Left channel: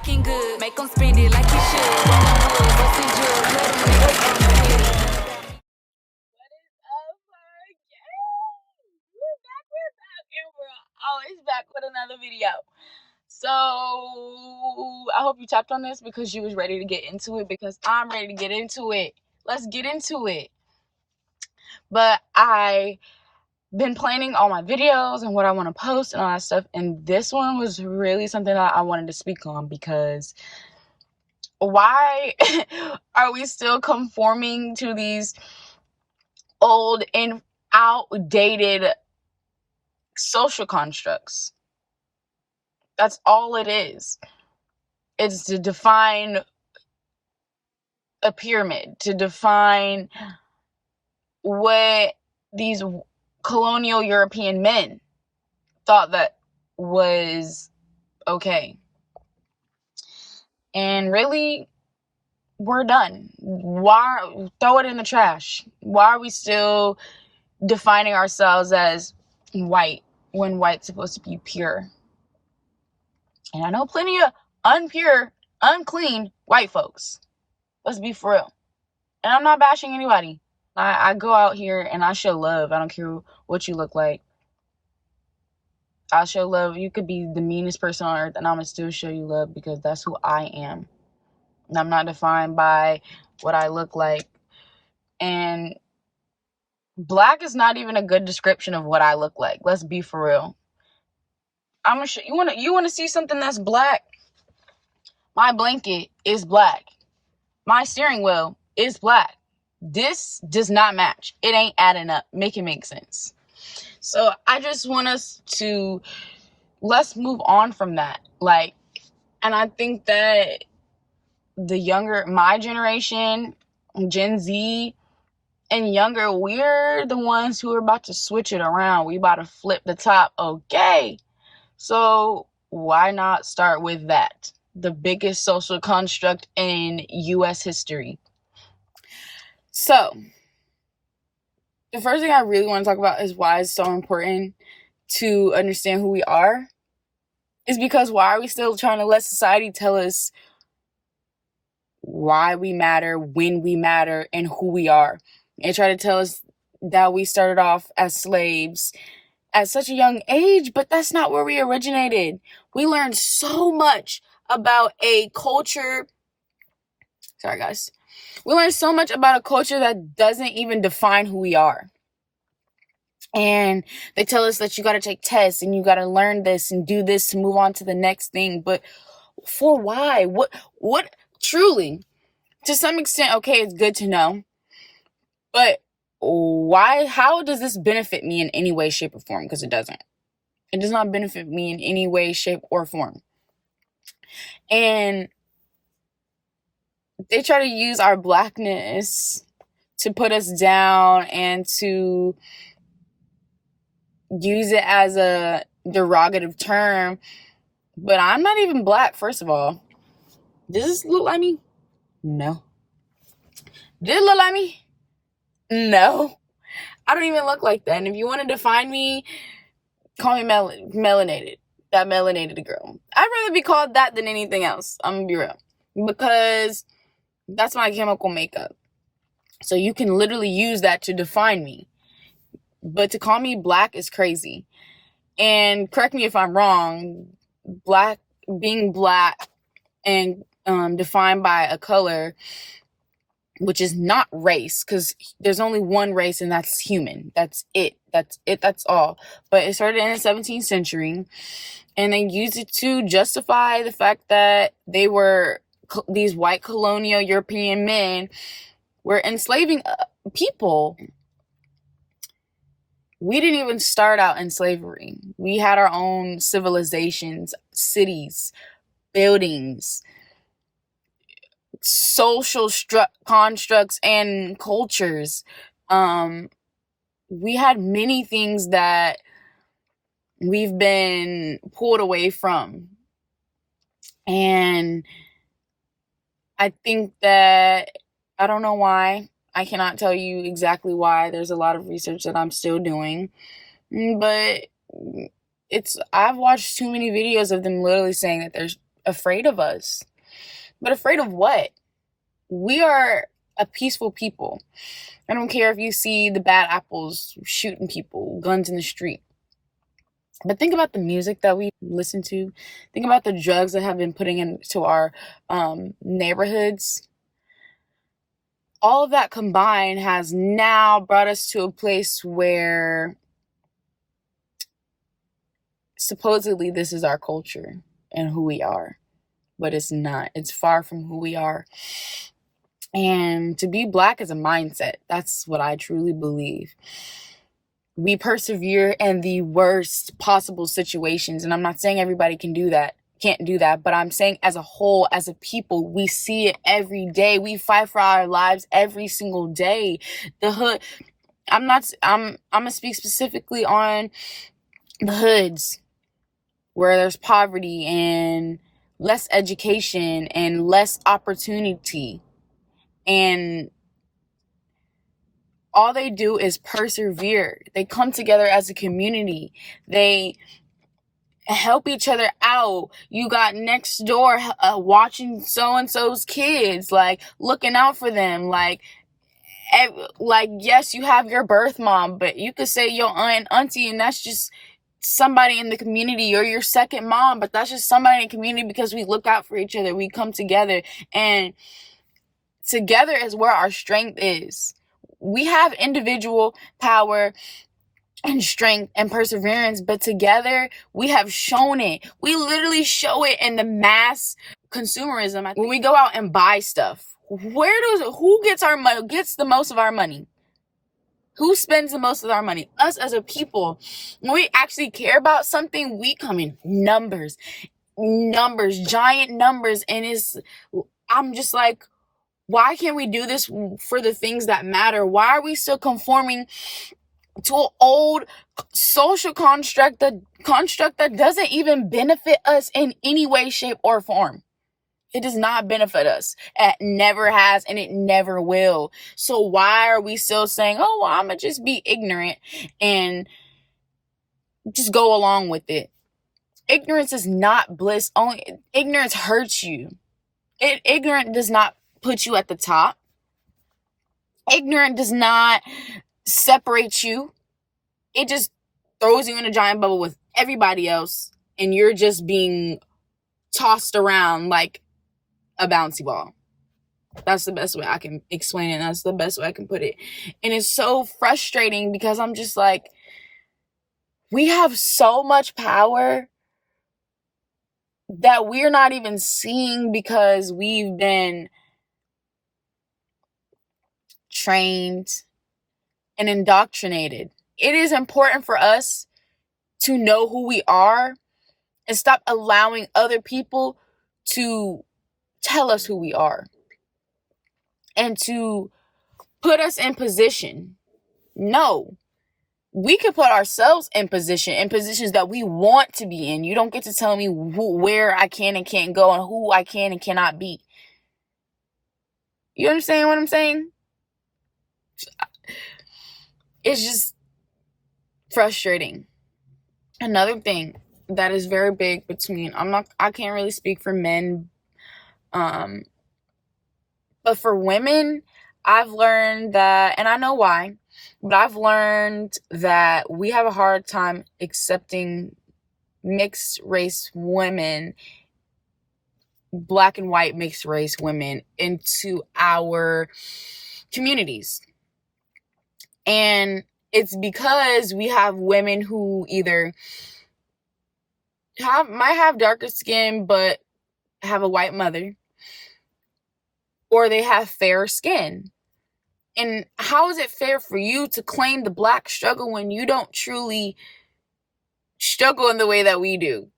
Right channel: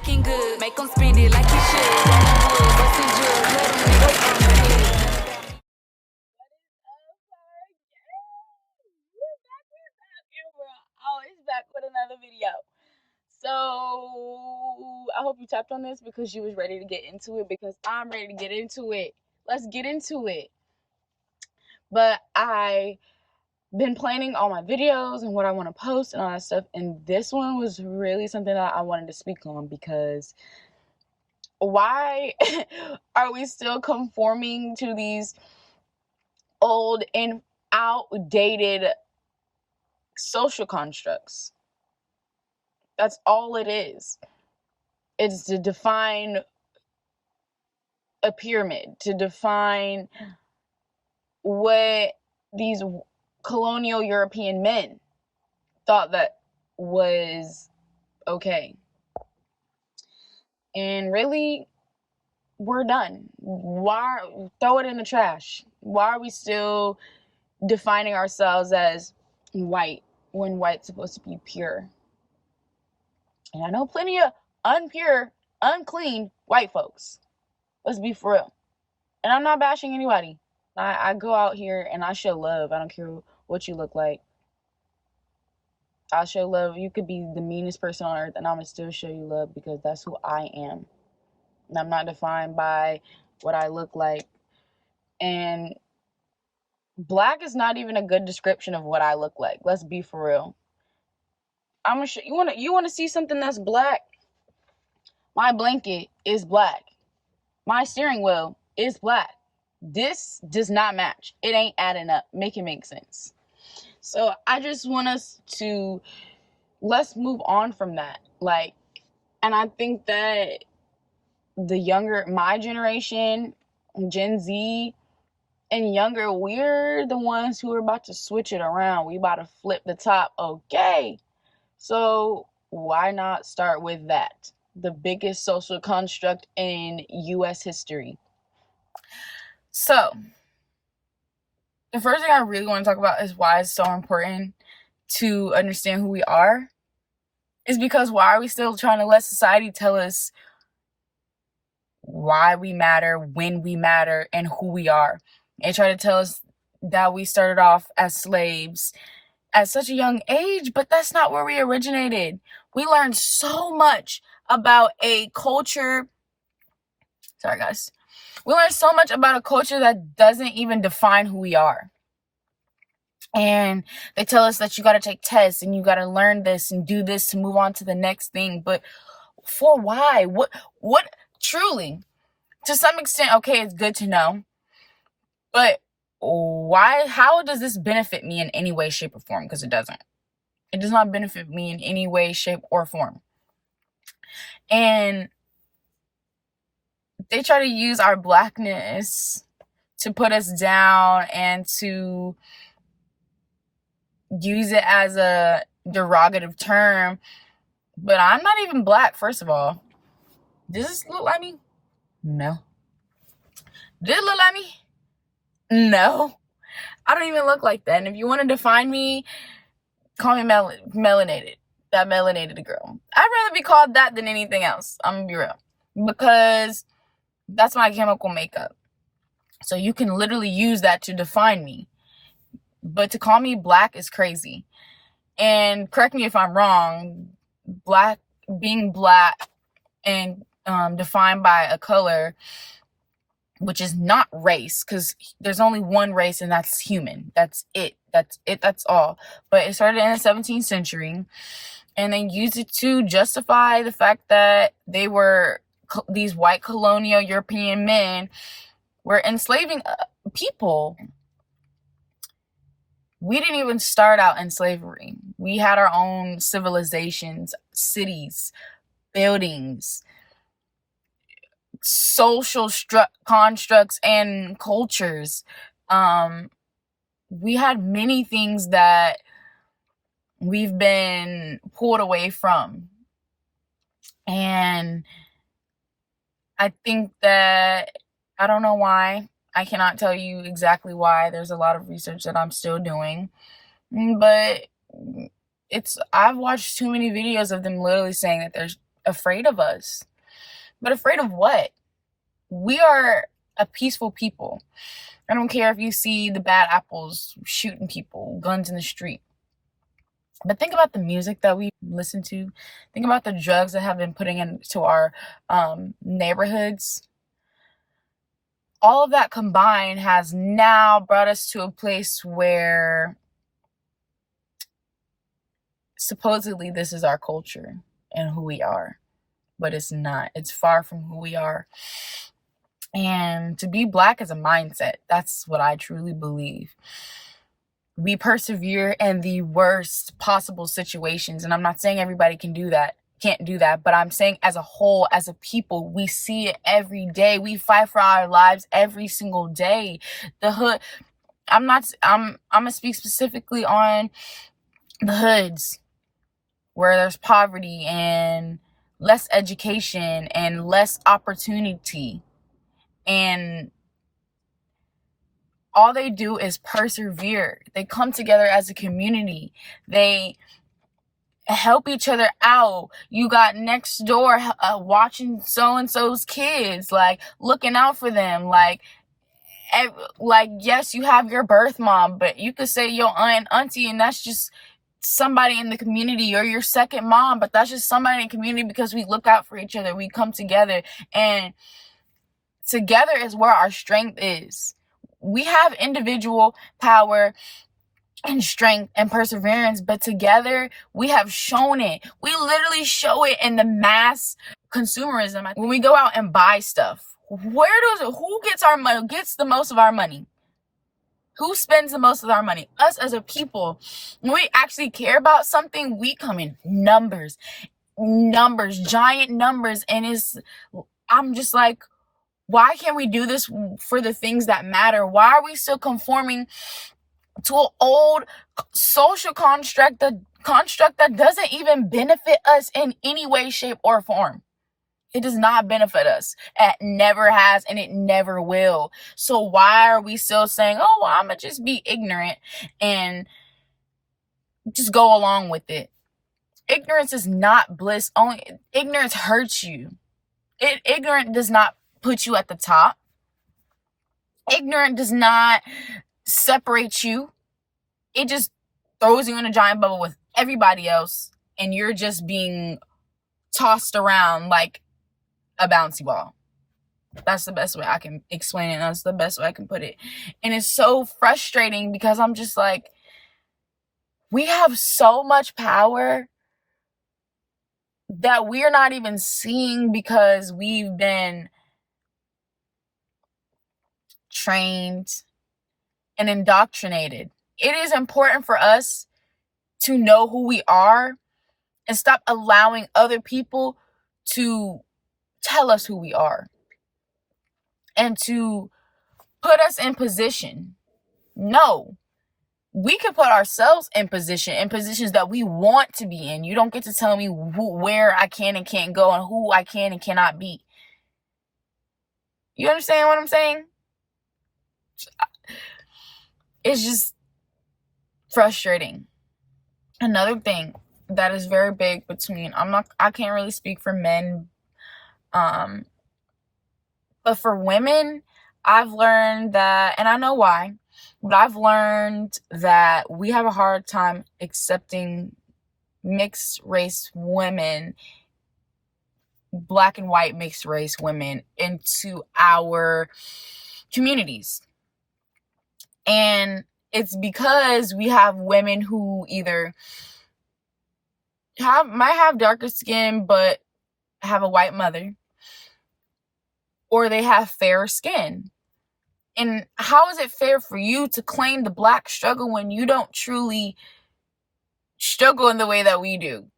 looking good. Make them spend it like you should. Rolling wood, busting jewels, let them niggas on the hood. What is up, our gang? We're back, and we're always back with another video. So, I hope you tapped on this because you was ready to get into it, because I'm ready to get into it. Let's get into it. But I been planning all my videos and what I want to post and all that stuff, and this one was really something that I wanted to speak on, because why are we still conforming to these old and outdated social constructs? That's all it is. It's to define a pyramid, to define what these colonial European men thought that was okay. And really, we're done. Why throw it in the trash? Why are we still defining ourselves as white when white's supposed to be pure? And I know plenty of unpure, unclean white folks. Let's be for real. And I'm not bashing anybody. I go out here and I show love. I don't care what you look like. I'll show love. You could be the meanest person on earth and I'm going to still show you love, because that's who I am. And I'm not defined by what I look like. And black is not even a good description of what I look like. Let's be for real. I'm gonna show you. Want to see something that's black? My blanket is black. My steering wheel is black. This does not match. It ain't adding up. Make it make sense. So I just want us to, let's move on from that. And I think that the younger, my generation, Gen Z and younger, we're the ones who are about to switch it around. We about to flip the top. Okay. So why not start with that? The biggest social construct in U.S. history. So the first thing I really want to talk about is why it's so important to understand who we are. Is because why are we still trying to let society tell us why we matter, when we matter, and who we are? And try to tell us that we started off as slaves at such a young age, but that's not where we originated. We learned so much about a culture. Sorry, guys. We learned so much about a culture that doesn't even define who we are. And they tell us that you got to take tests and you got to learn this and do this to move on to the next thing. But for why? What truly? To some extent, okay, it's good to know. But why? How does this benefit me in any way, shape, or form? Because it doesn't. It does not benefit me in any way, shape, or form. And they try to use our blackness to put us down and to use it as a derogative term. But I'm not even black, first of all. Does this look like me? No. Did it look like me? No. I don't even look like that. And if you want to define me, call me melanated. That melanated girl. I'd rather be called that than anything else. I'm going to be real. Because that's my chemical makeup. So you can literally use that to define me. But to call me black is crazy. And correct me if I'm wrong, being black and defined by a color, which is not race, because there's only one race and that's human. That's it. That's all. But it started in the 17th century, and they used it to justify the fact that they were, these white colonial European men were enslaving people. We didn't even start out in slavery. We had our own civilizations, cities, buildings, social constructs, and cultures. We had many things that we've been pulled away from. And I think that, I don't know why. I cannot tell you exactly why. There's a lot of research that I'm still doing. But I've watched too many videos of them literally saying that there's afraid of us. But afraid of what? We are a peaceful people. I don't care if you see the bad apples shooting people, guns in the street. But think about the music that we listen to. Think about the drugs that have been putting into our neighborhoods. All of that combined has now brought us to a place where supposedly this is our culture and who we are. But it's not. It's far from who we are. And to be Black is a mindset. That's what I truly believe. We persevere in the worst possible situations. And I'm not saying everybody can't do that. But I'm saying as a whole, as a people, we see it every day. We fight for our lives every single day. The hood, I'm gonna speak specifically on the hoods where there's poverty and less education and less opportunity. And all they do is persevere. They come together as a community. They help each other out. You got next door watching so-and-so's kids, like looking out for them. Like yes, you have your birth mom, but you could say your aunt and auntie, and that's just somebody in the community, or your second mom, but that's just somebody in the community, because we look out for each other. We come together, and together is where our strength is. We have individual power and strength and perseverance, but together we have shown it. We literally show it in the mass consumerism. When we go out and buy stuff, who gets the most of our money? Who spends the most of our money? Us as a people. When we actually care about something, we come in numbers, giant numbers. And I'm just like, why can't we do this for the things that matter? Why are we still conforming to an old social construct that doesn't even benefit us in any way, shape, or form? It does not benefit us. It never has, and it never will. So why are we still saying, oh, well, I'm going to just be ignorant and just go along with it? Ignorance is not bliss. Ignorance hurts you. Ignorant does not put you at the top. Ignorant does not separate you. It just throws you in a giant bubble with everybody else, and you're just being tossed around like a bouncy ball. That's the best way I can explain it. That's the best way I can put it. And it's so frustrating because I'm just like, we have so much power that we're not even seeing because we've been trained and indoctrinated. It is important for us to know who we are and stop allowing other people to tell us who we are and to put us in position. No, we can put ourselves in positions that we want to be in. You don't get to tell me where I can and can't go and who I can and cannot be. You understand what I'm saying? It's just frustrating. Another thing that is very big between, I can't really speak for men, but for women, I've learned that, and I know why, but I've learned that we have a hard time accepting mixed race women, Black and white mixed race women, into our communities. And it's because we have women who either might have darker skin but have a white mother, or they have fair skin. And how is it fair for you to claim the Black struggle when you don't truly struggle in the way that we do?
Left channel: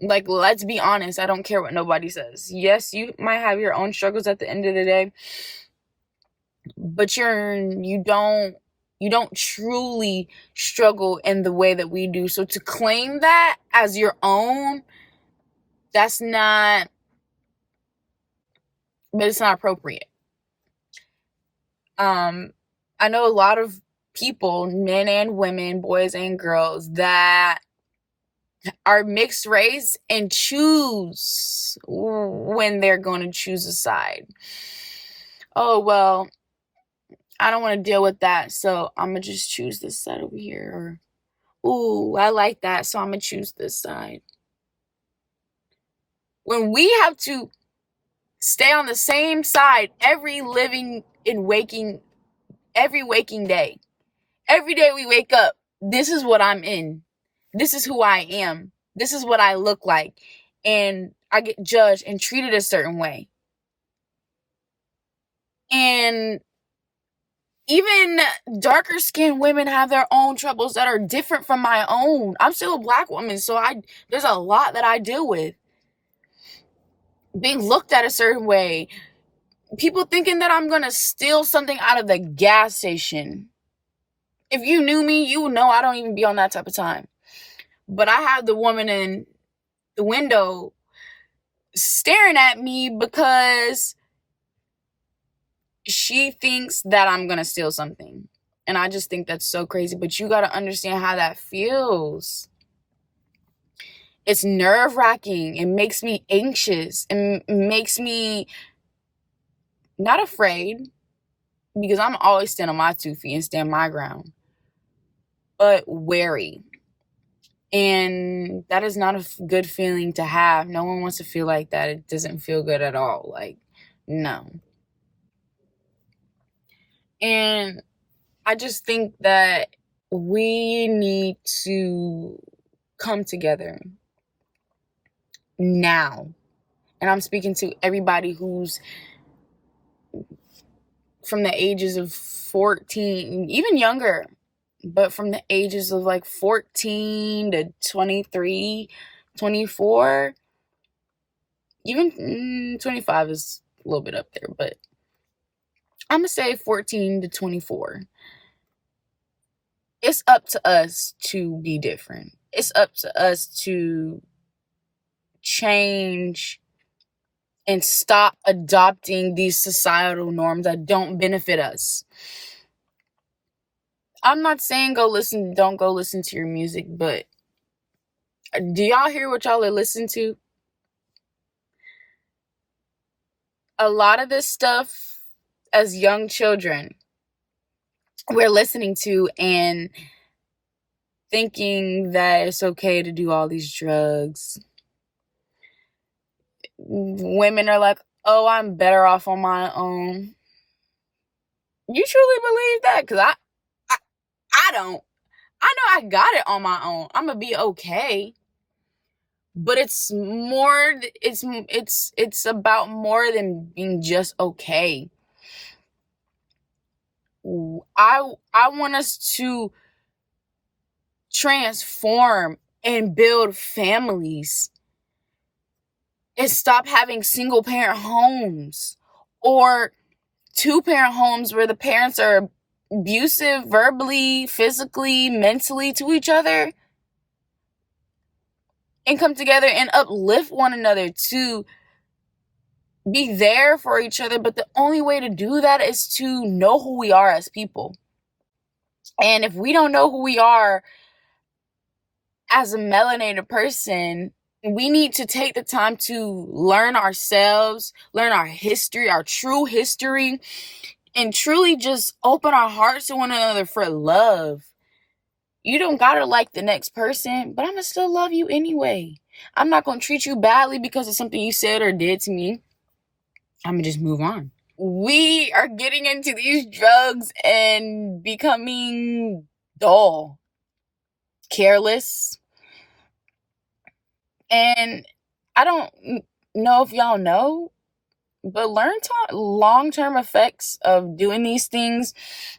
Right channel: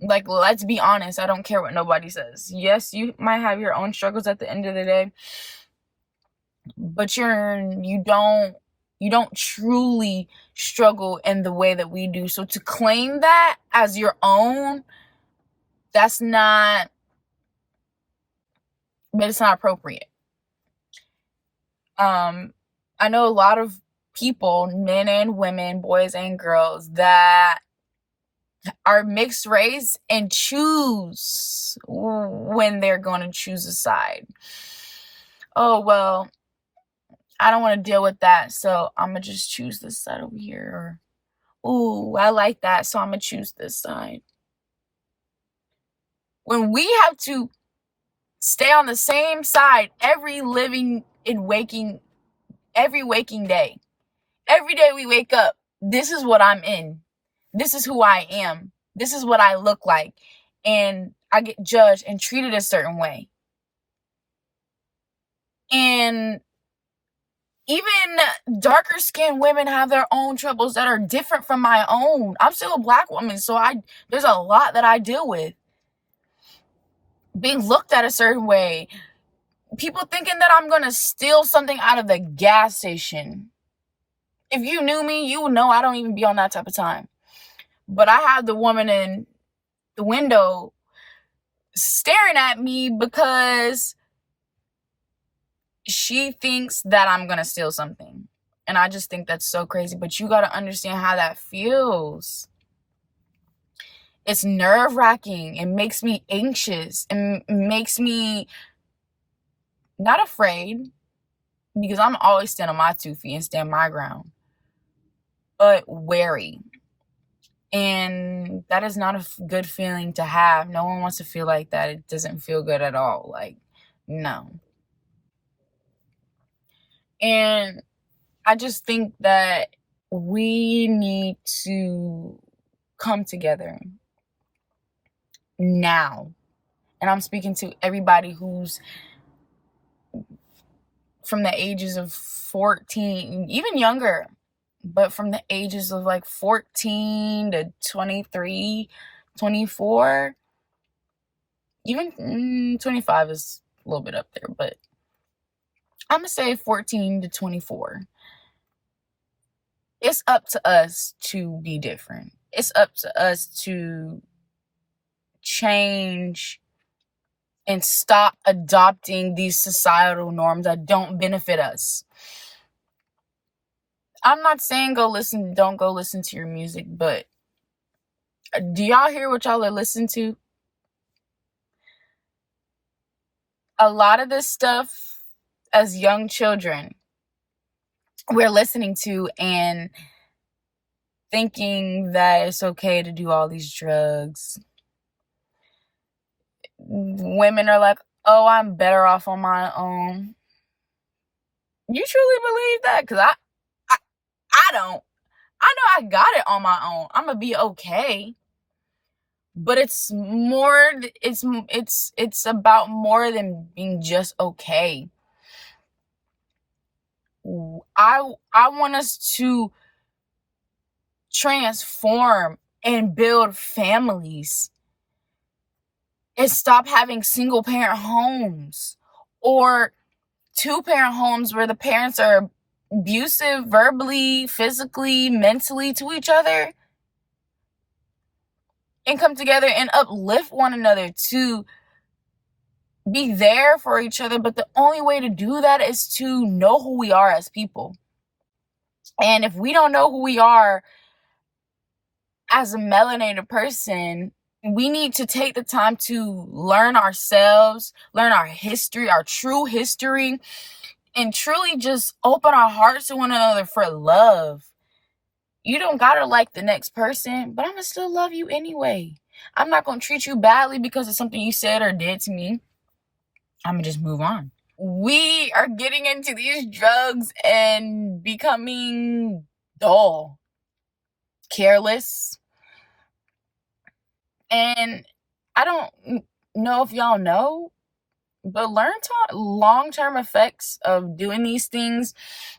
Like, let's be honest. I don't care what nobody says. Yes, you might have your own struggles at the end of the day, but you don't truly struggle in the way that we do. So to claim that as your own, but it's not appropriate. I know a lot of people, men and women, boys and girls, that are mixed race and choose when they're going to choose a side. Oh, well, I don't want to deal with that, so I'm going to just choose this side over here. Or, ooh, I like that, so I'm going to choose this side. When we have to stay on the same side every waking day. Every day we wake up, this is what I'm in. This is who I am. This is what I look like. And I get judged and treated a certain way. And even darker skinned women have their own troubles that are different from my own. I'm still a black woman, so there's a lot that I deal with. Being looked at a certain way. People thinking that I'm going to steal something out of the gas station. If you knew me, you would know I don't even be on that type of time. But I have the woman in the window staring at me because she thinks that I'm going to steal something. And I just think that's so crazy. But you got to understand how that feels. It's nerve-wracking. It makes me anxious. It makes me not afraid, because I'm always stand on my 2 feet and stand my ground, but wary. And that is not a good feeling to have. No one wants to feel like that. It doesn't feel good at all. Like, no. And I just think that we need to come together now. And I'm speaking to everybody who's from the ages of 14, even younger, but from the ages of like 14 to 23, 24, even 25 is a little bit up there, but I'm going to say 14 to 24. It's up to us to be different. It's up to us to change and stop adopting these societal norms that don't benefit us. I'm not saying don't go listen to your music, but do y'all hear what y'all are listening to? A lot of this stuff as young children we're listening to and thinking that it's okay to do all these drugs. Women are like, oh, I'm better off on my own. You truly believe that? Because I don't. I know I got it on my own. I'm going to be okay. But it's about more than being just okay. I want us to transform and build families and stop having single parent homes or 2-parent homes where the parents are abusive verbally, physically, mentally to each other, and come together and uplift one another to be there for each other. But the only way to do that is to know who we are as people. And if we don't know who we are as a melanated person, we need to take the time to learn ourselves, learn our history, our true history, and truly just open our hearts to one another for love. You don't gotta like the next person, but I'm gonna still love you anyway. I'm not gonna treat you badly because of something you said or did to me. I'm gonna just move on. We are getting into these drugs and becoming dull, careless. And I don't know if y'all know, but long-term effects of doing these things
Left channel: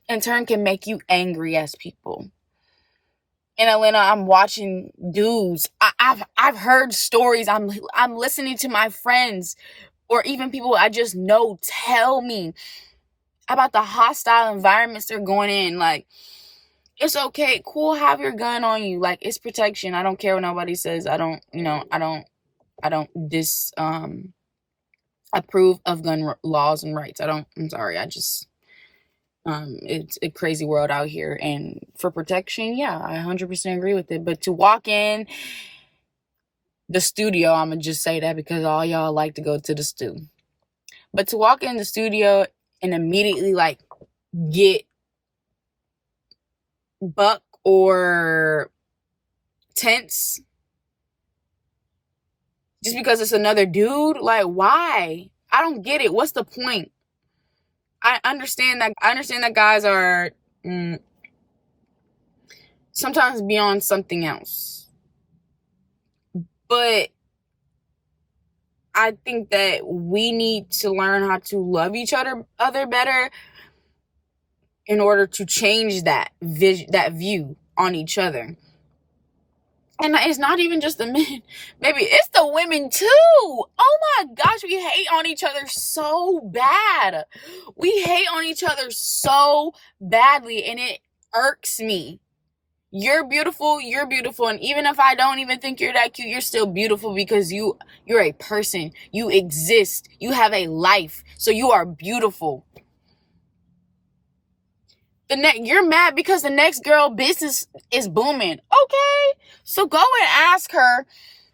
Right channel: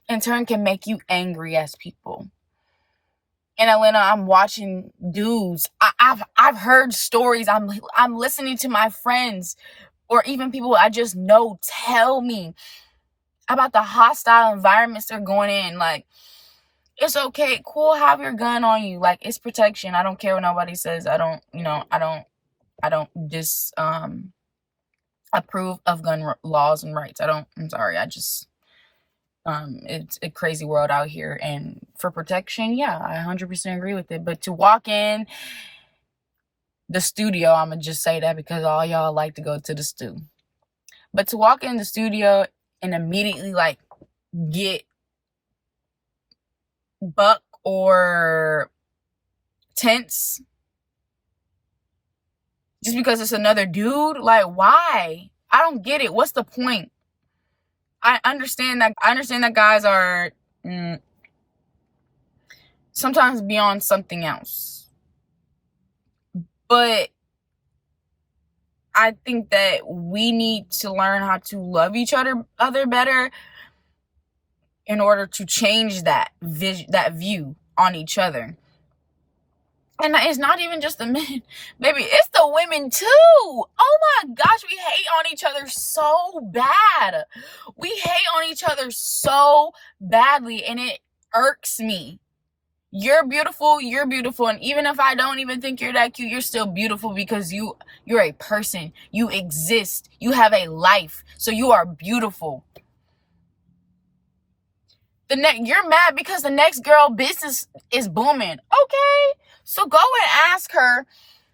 in turn can make you angry as people. In Atlanta, I'm watching dudes. I've heard stories. I'm listening to my friends or even people I just know tell me about the hostile environments they're going in. Like, it's okay, cool, have your gun on you. Like, it's protection. I don't care what nobody says. I don't approve of gun laws and rights. I'm sorry. I just it's a crazy world out here, and for protection, yeah, I 100% agree with it. But to walk in the studio. I'm gonna just say that because all y'all like to go to the stew. But to walk in the studio and immediately like get buck or tense just because it's another dude, like, why? I don't get it. What's the point? I understand that guys are sometimes beyond something else, but I think that we need to learn how to love each other better in order to change that view on each other. And it's not even just the men, baby, it's the women too. Oh my gosh, we hate on each other so bad. We hate on each other so badly, and it irks me. You're beautiful, and even if I don't even think you're that cute, you're still beautiful because you're a person. You exist. You have a life. So you are beautiful. You're mad because the next girl business is booming. Okay. So go and ask her,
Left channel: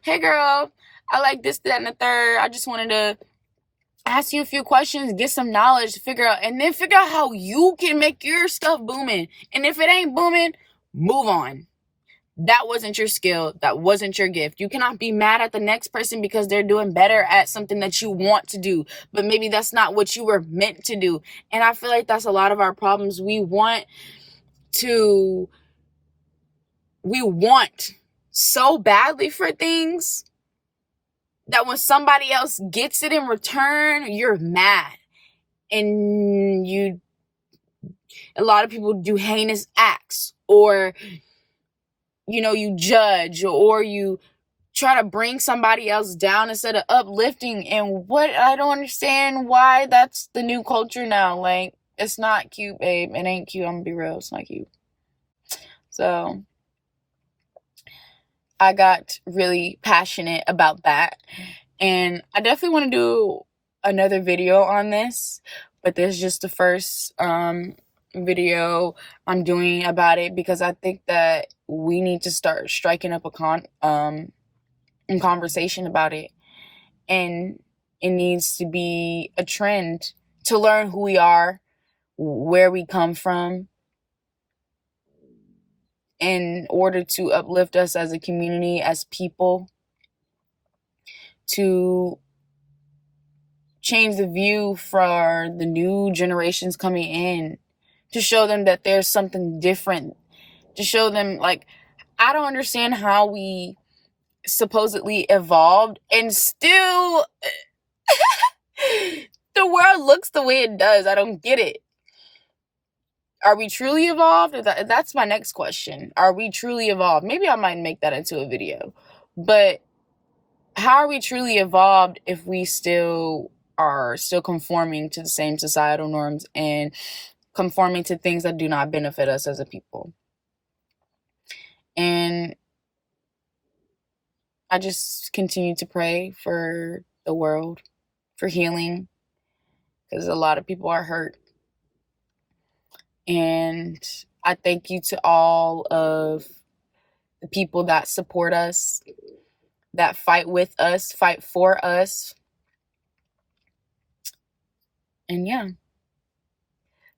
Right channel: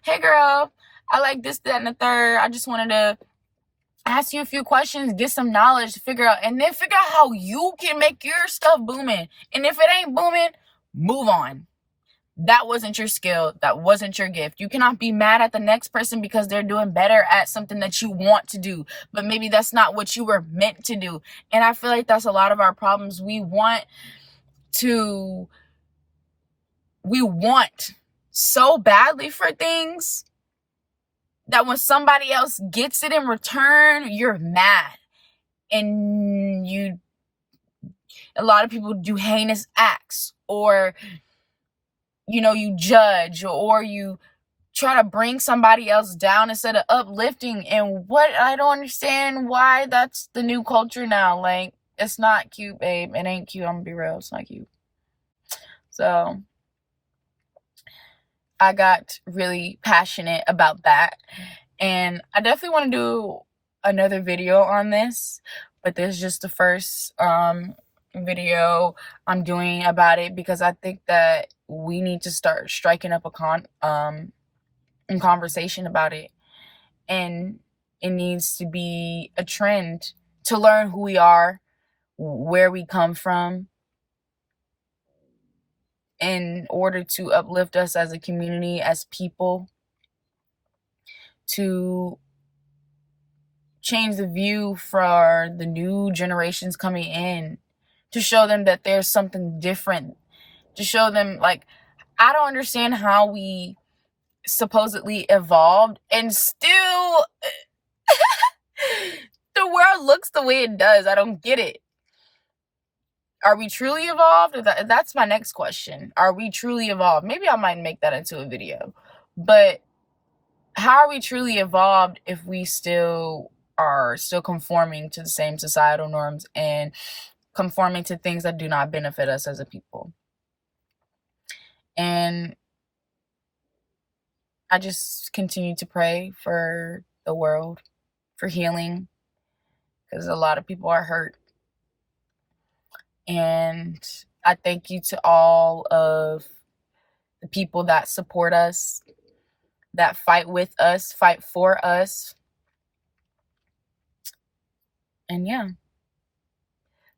hey girl, I like this, that, and the third. I just wanted to ask you a few questions, get some knowledge, figure out how you can make your stuff booming. And if it ain't booming, move on. That wasn't your skill. That wasn't your gift. You cannot be mad at the next person because they're doing better at something that you want to do, but maybe that's not what you were meant to do. And I feel like that's a lot of our problems. We want so badly for things that when somebody else gets it in return, you're mad. And a lot of people do heinous acts, or you judge, or you try to bring somebody else down instead of uplifting. And what I don't understand why that's the new culture now. Like, it's not cute, babe. It ain't cute. I'm gonna be real. It's not cute. So I got really passionate about that. And I definitely want to do another video on this, but this is just the first video I'm doing about it because I think that we need to start striking up a conversation about it. And it needs to be a trend to learn who we are, where we come from, in order to uplift us as a community, as people, to change the view for the new generations coming in, to show them that there's something different, to show them, like, I don't understand how we supposedly evolved and still the world looks the way it does. I don't get it. Are we truly evolved? That's my next question. Are we truly evolved? Maybe I might make that into a video. But how are we truly evolved if we are still conforming to the same societal norms and conforming to things that do not benefit us as a people? And I just continue to pray for the world, for healing, because a lot of people are hurt. And I thank you to all of the people that support us, that fight with us, fight for us. And yeah.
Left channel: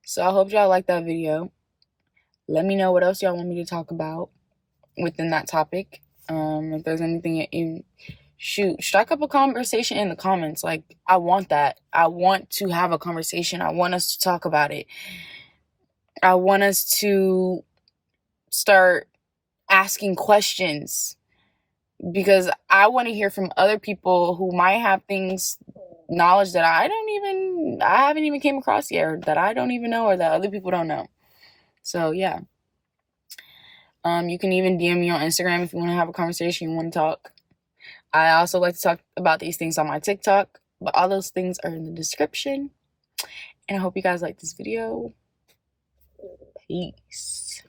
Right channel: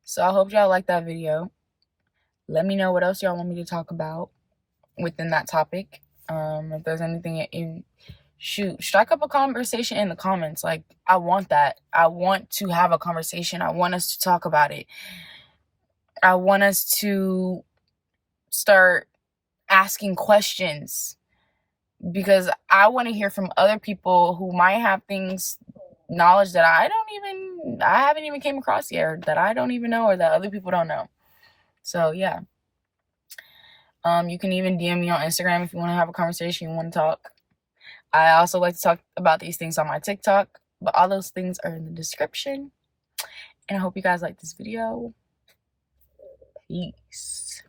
So I hope y'all like that video. Let me know what else y'all want me to talk about within that topic. If there's anything strike up a conversation in the comments. Like, I want that. I want to have a conversation. I want us to talk about it. I want us to start asking questions, because I want to hear from other people who might have knowledge that I haven't even came across yet, or that I don't even know, or that other people don't know. So yeah. You can even DM me on Instagram if you want to have a conversation, you want to talk. I also like to talk about these things on my TikTok, but all those things are in the description. And I hope you guys like this video. Peace.